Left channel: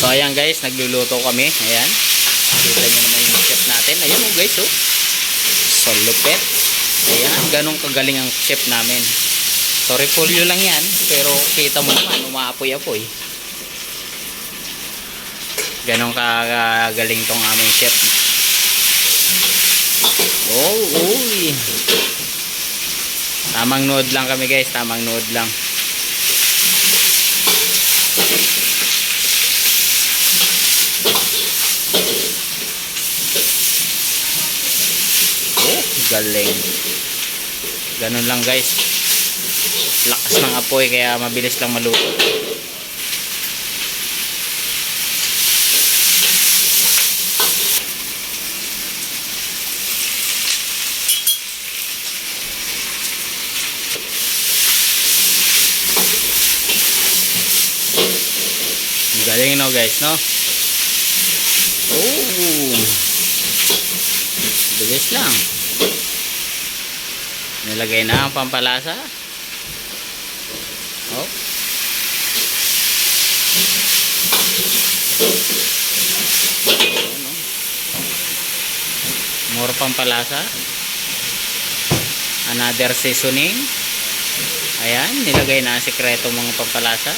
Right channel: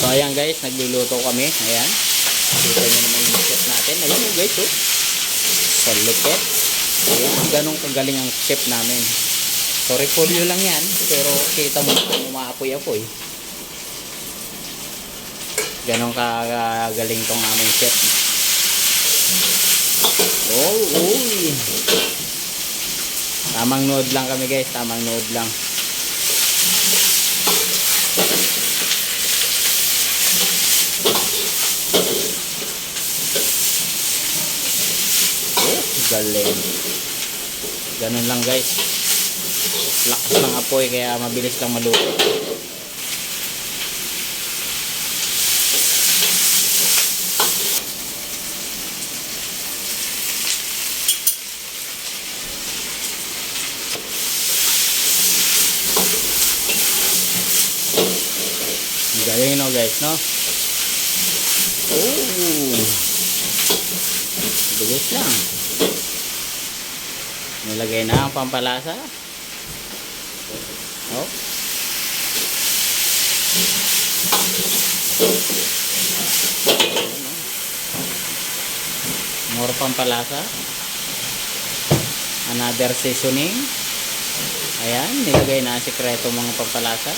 So ayan guys, nagluluto kami. Ayan. Kita nyo naman yung chef natin. Ayan oh guys oh. So lupet. Ayan, ganun kagaling ang chef namin. So repolyo lang yan, pero kita mo naman, umaapoy-apoy. Ganun kagaling tong aming chef. Oh, uy. Tamang nood lang kami guys, tamang nood lang. Oh, galing. Ganun lang guys. Lakas ng apoy kaya mabilis lang maluto. Galing no guys, no? Oh. Bilis lang. Nilagay na ang pampalasa. Oh. More pampalasa. Another seasoning. Ayan, nilagay na ang sikreto mga pampalasa.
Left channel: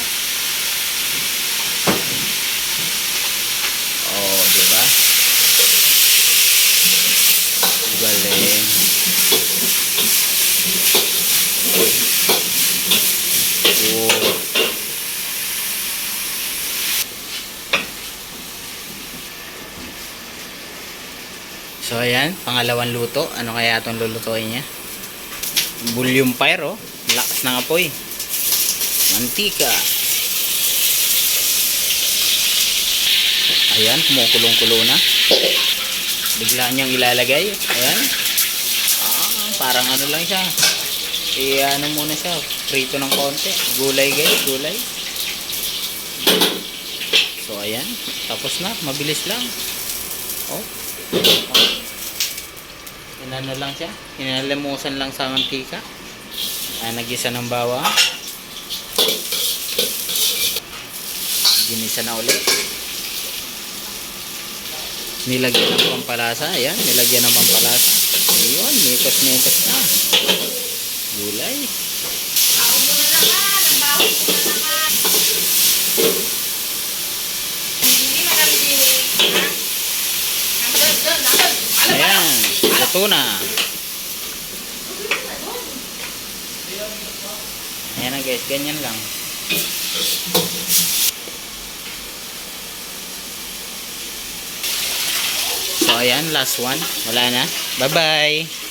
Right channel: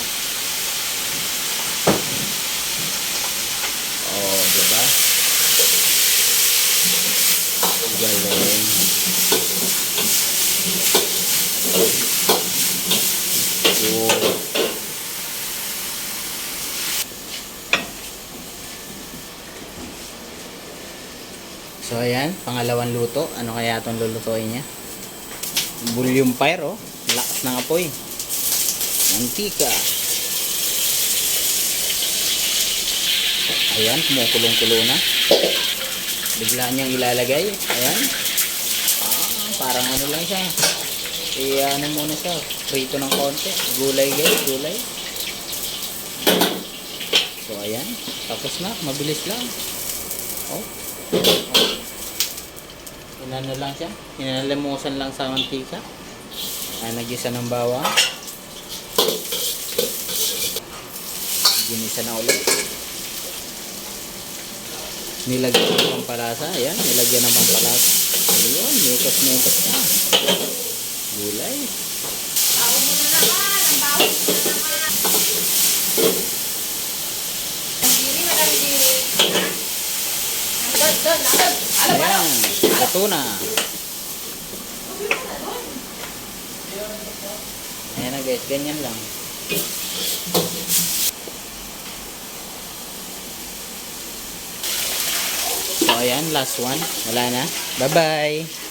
Oh, diba? Galing. Oh. So ayan, pangalawang luto. Ano kaya itong lulutuin niya? Bouillon fire oh. Lakas ng apoy. Mantika. Ayan, kumukulong-kulo na. Bigla niyang ilalagay. Ayan. Parang ano lang siya. Ano muna siya. Prito ng konti. Gulay guys, gulay. So ayan. Tapos na. Mabilis lang. Oh. Inano lang siya. Inalamusan lang sa mantika. Nagisa ng bawang. Ginisa na ulit. Nilagyan ng pampalasa. Ayan, nilagyan ng pampalasa. Ayun, metos-metos na. Gulay. Ayan, luto na. Ayan na guys, ganyan lang. So ayan, last one. Wala na. Bye bye.